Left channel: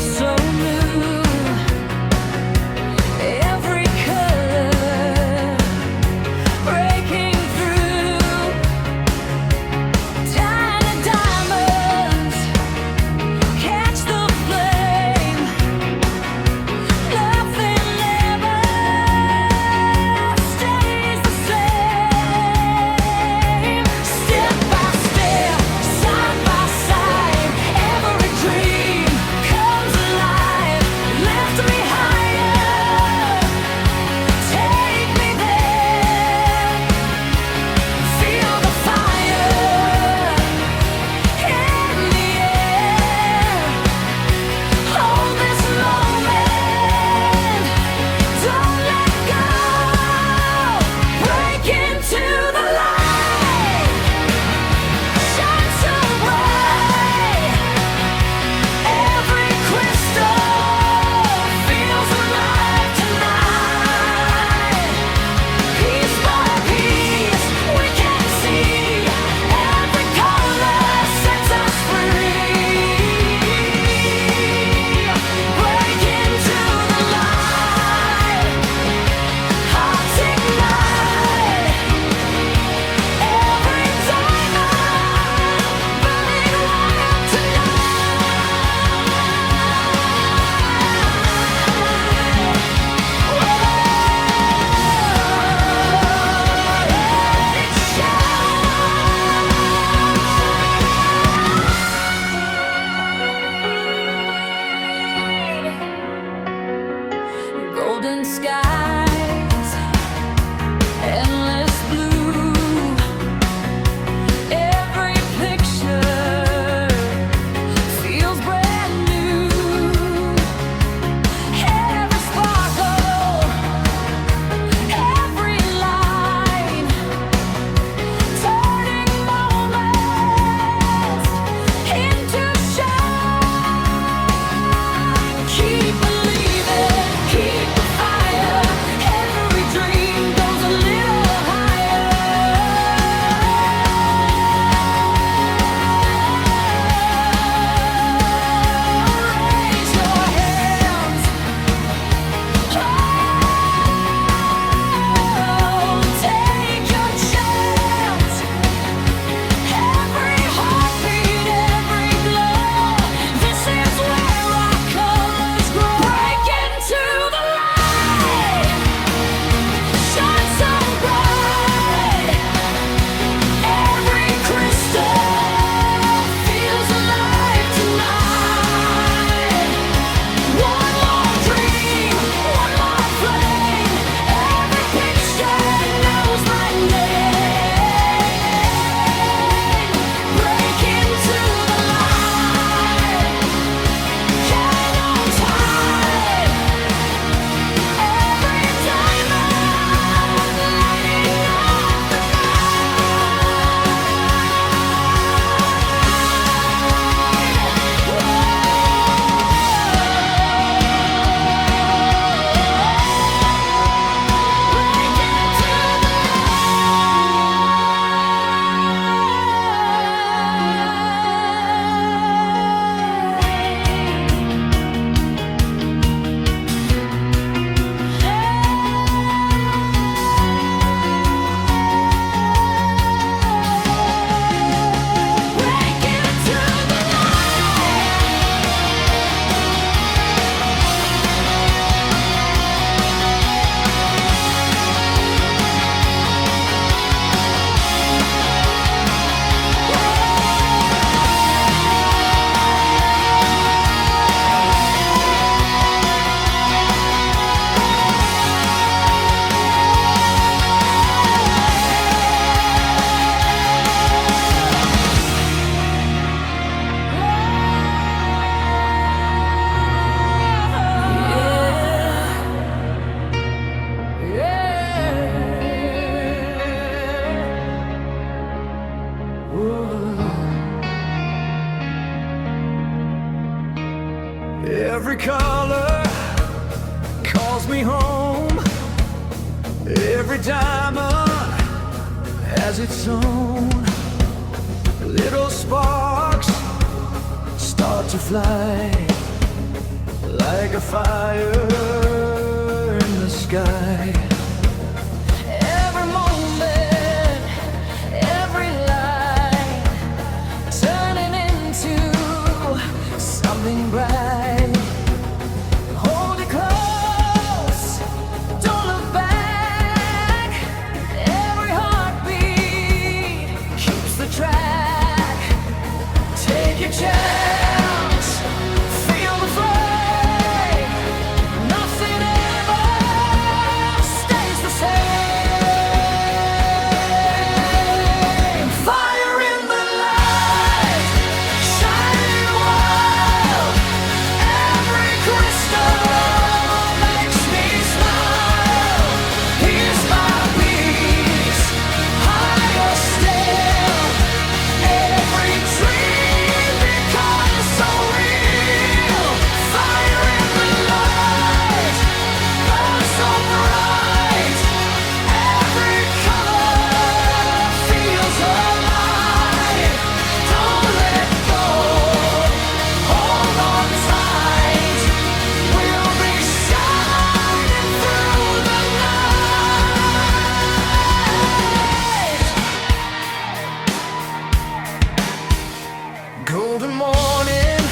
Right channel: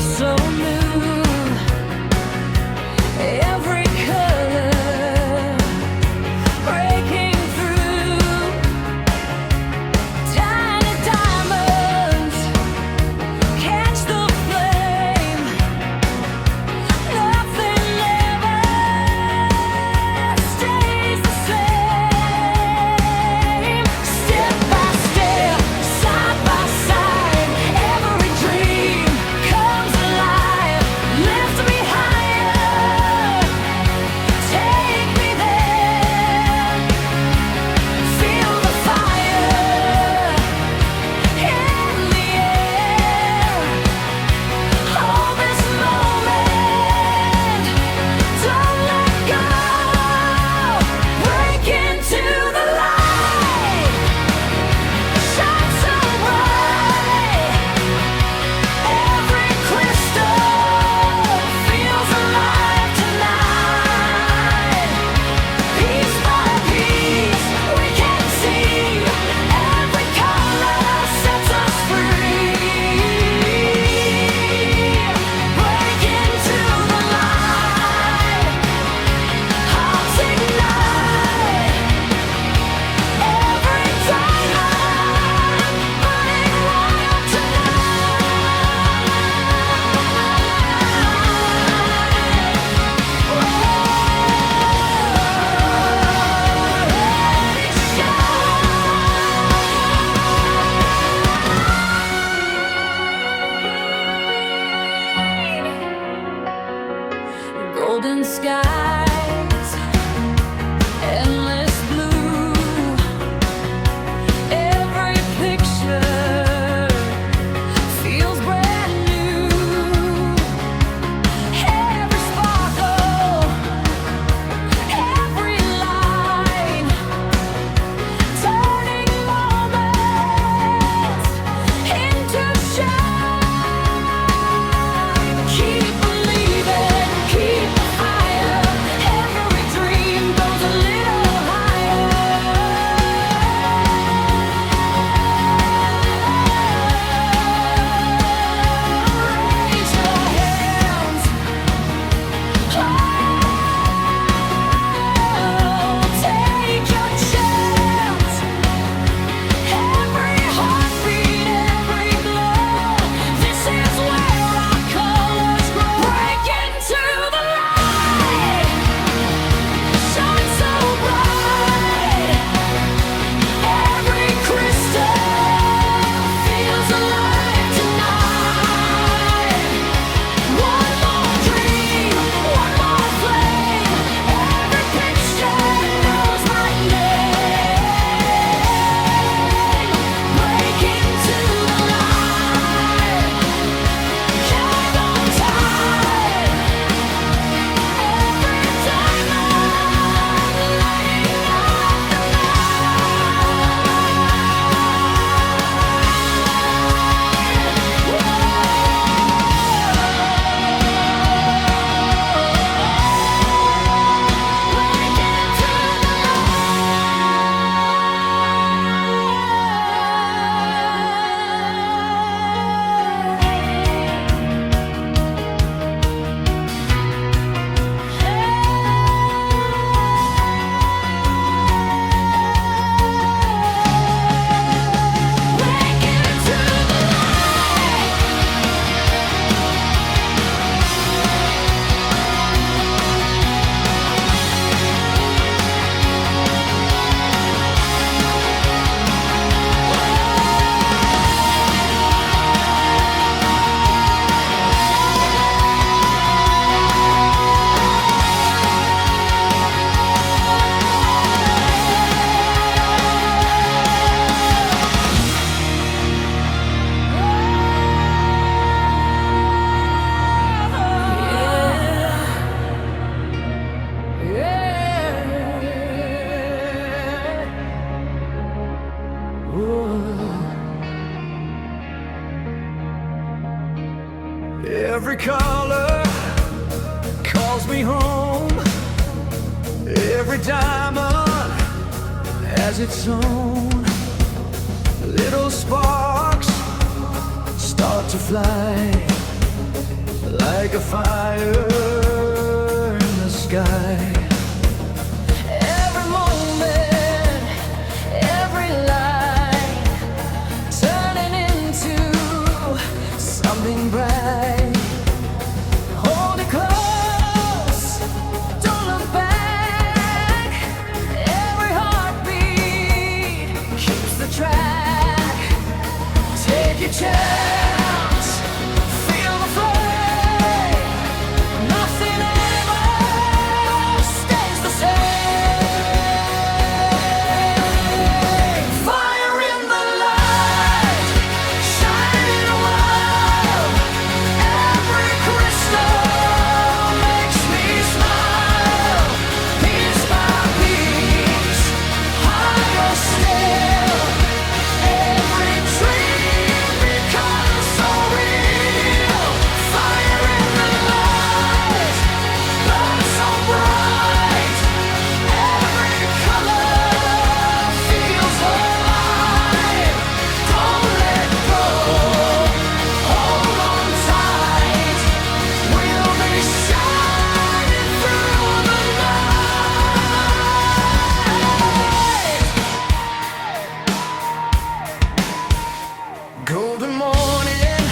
feels so new. Every color breaking through. Tiny diamonds catch the flame. Nothing ever stays the same. Step by step, side by side, every dream comes alive. Lift me higher, take me there. Feel the fire in the air. Hold this moment, don't let go. Break into the light, shine so bright. Every crystal feels alive tonight. Piece by piece, we can see. Every color sets us free. Break into the light, hearts ignite. Every diamond burning wild tonight. Whoa, let it shine. Golden skies, endless blue. Every picture feels brand new. Every sparkle, every line, turning moments into shine. Keep believing, keep the fire. Every dream goes a little higher. Raise your hands. Oh, take your chance. Every heartbeat, every glow. This is where our colors grow. Break into the light, shine so bright. Every crystal feels alive tonight. One more dream, one more flame. Every picture knows my name. Break into the light, hang on tight. Every diamond lighting up the night. Whoa. Break into the Break into the Every color calls me home. Every diamond has its own. Little sparks start to fly. like a fire in the sky. Every moment, every line, turning into something bright. Hold it close, don't look back. Every heartbeat keeps the track. Take your chance, feel the flame. Nothing ever stays the same. Fire in the light, shining wild. Every crystal makes me smile. Piece by piece, higher still. Every dream becomes so real. Fire in the light, burn so bright. Every color feels alive. Don't let go, hold on tight. We'll be shining through the night. Golden morning,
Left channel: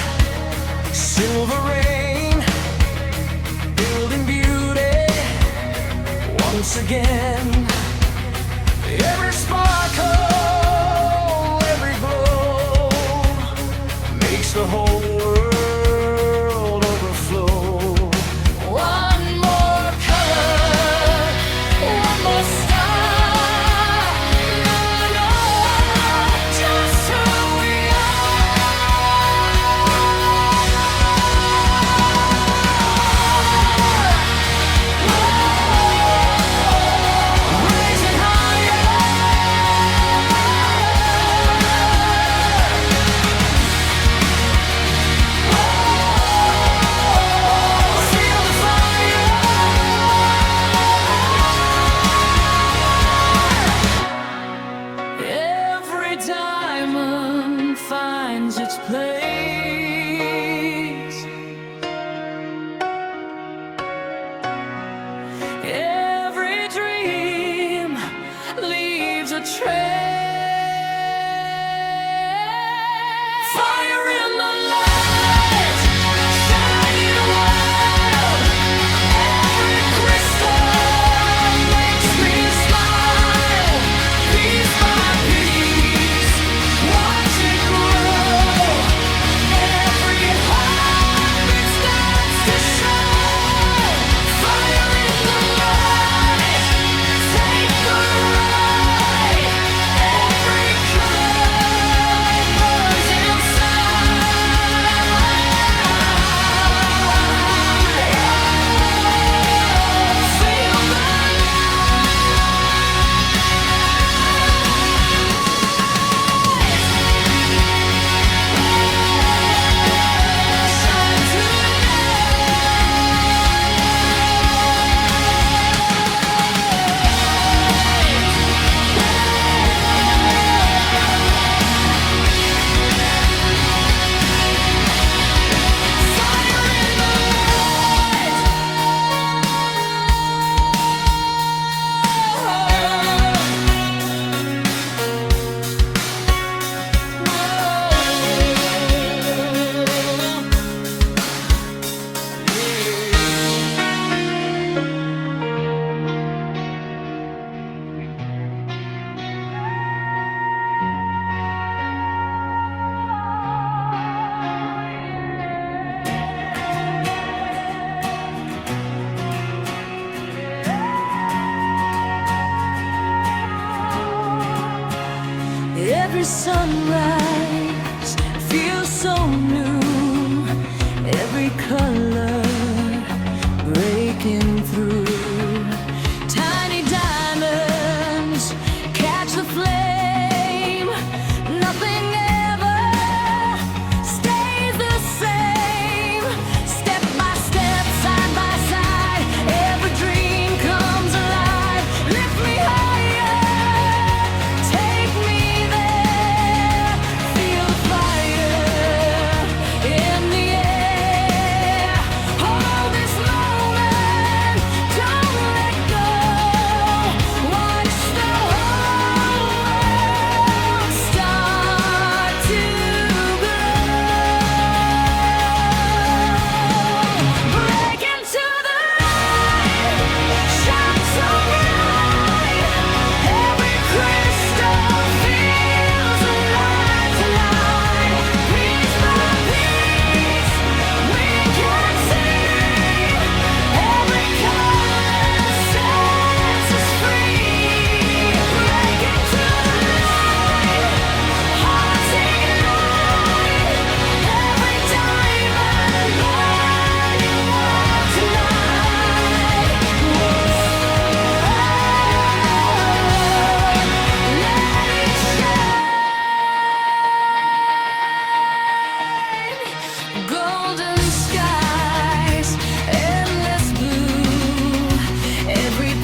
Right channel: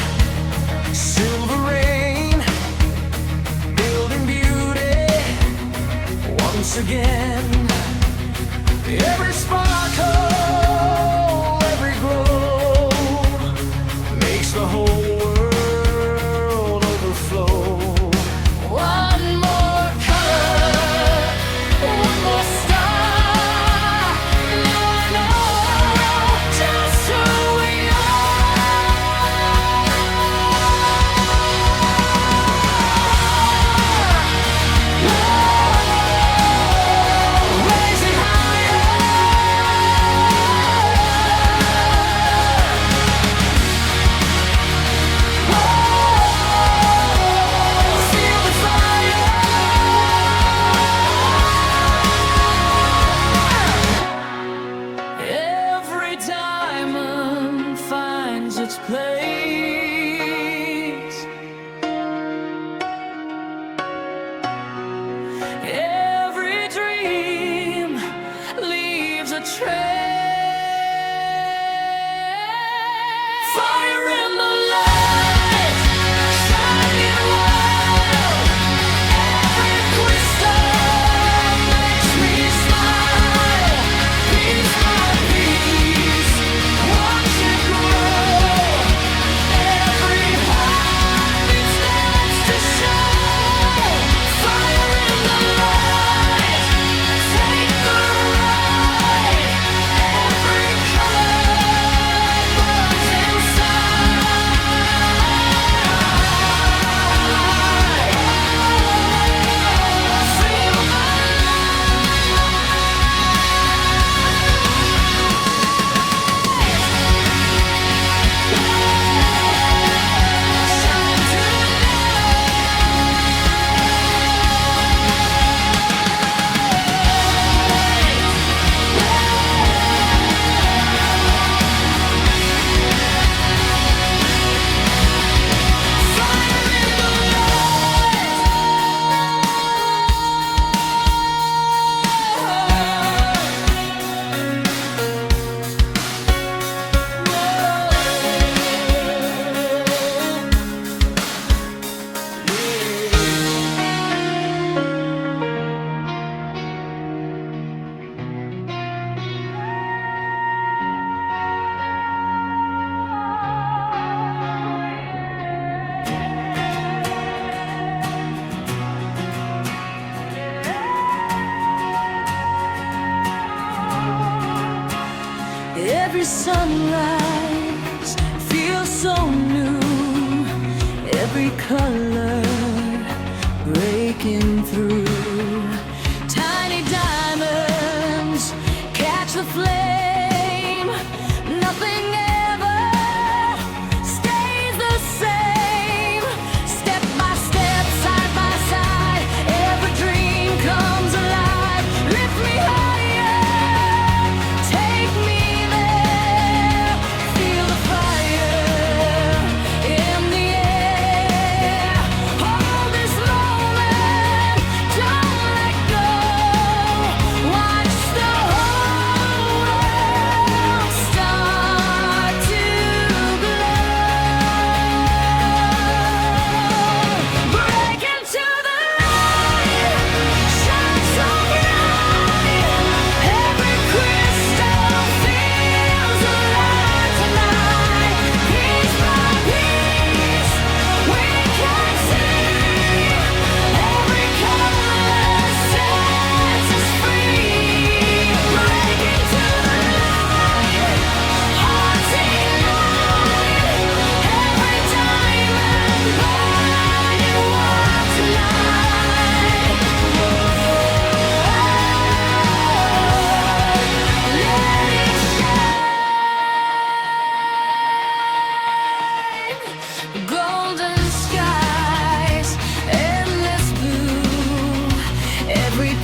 silver rain, building beauty once again. Every sparkle, every glow makes the whole world overflow. One more color, one more star. Now I know just who we are. Raise it higher. Feel the fire. Every diamond finds its place. Every dream leaves a trace. Fire in the light, shining wild. Every crystal makes me smile. Piece by piece, watch it grow. Every heartbeat starts to show. Fire in the light, take the ride. Every color burns inside. Feel the light. Shine tonight. Fire in the light. Every sunrise feels so new. Every color breaking through. Tiny diamonds catch the flame. Nothing ever stays the same. Step by step, side by side, every dream comes alive. Lift me higher, take me there. Feel the fire in the air.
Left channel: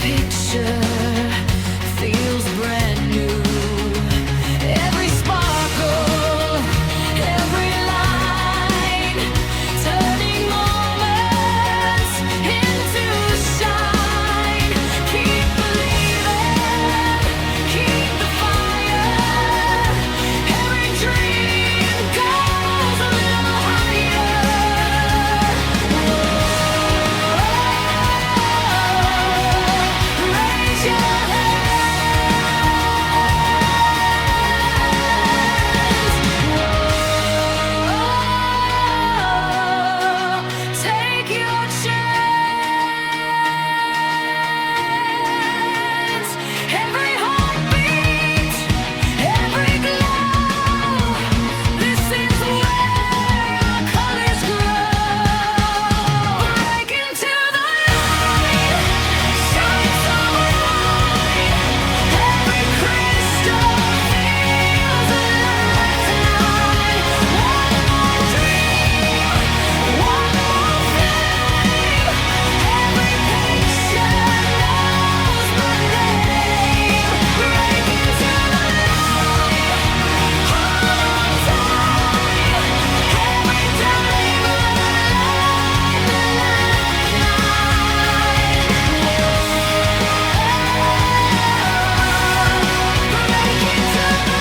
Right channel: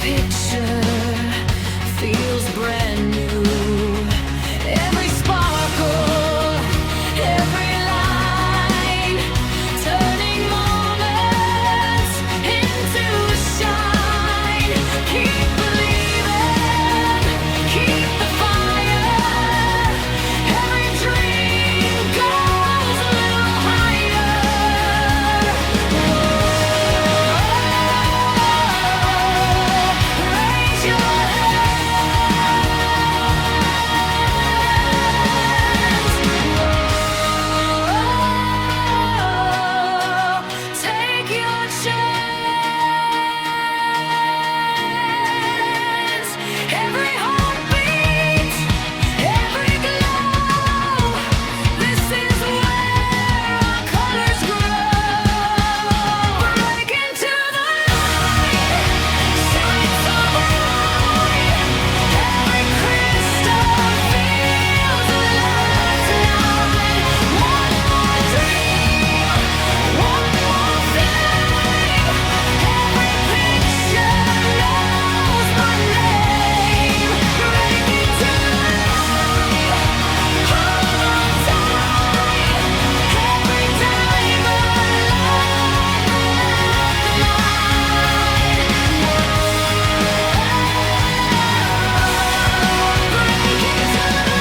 picture feels brand new. Every sparkle, every line, turning moments into shine. Keep believing, keep the fire. Every dream goes a little higher. Whoa, raise your hands. Whoa, take your chance. Every heartbeat, every glow. This is where our colors grow. Break into the light, shine so bright. Every crystal feels alive tonight. One more dream, one more flame. Every picture knows my name. Break into the light, hold on tight. Every diamond light the night. Whoa, break into the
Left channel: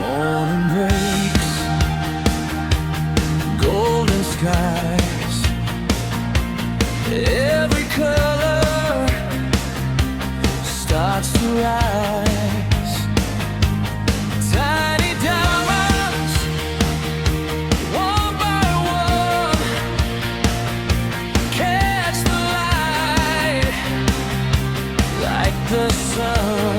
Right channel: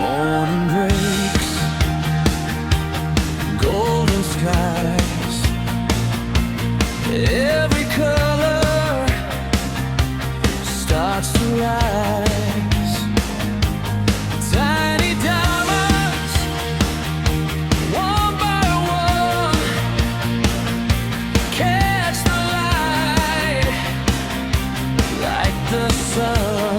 Morning breaks, golden skies, every color starts to rise. Tiny diamonds, one by one, catch the light like the sun.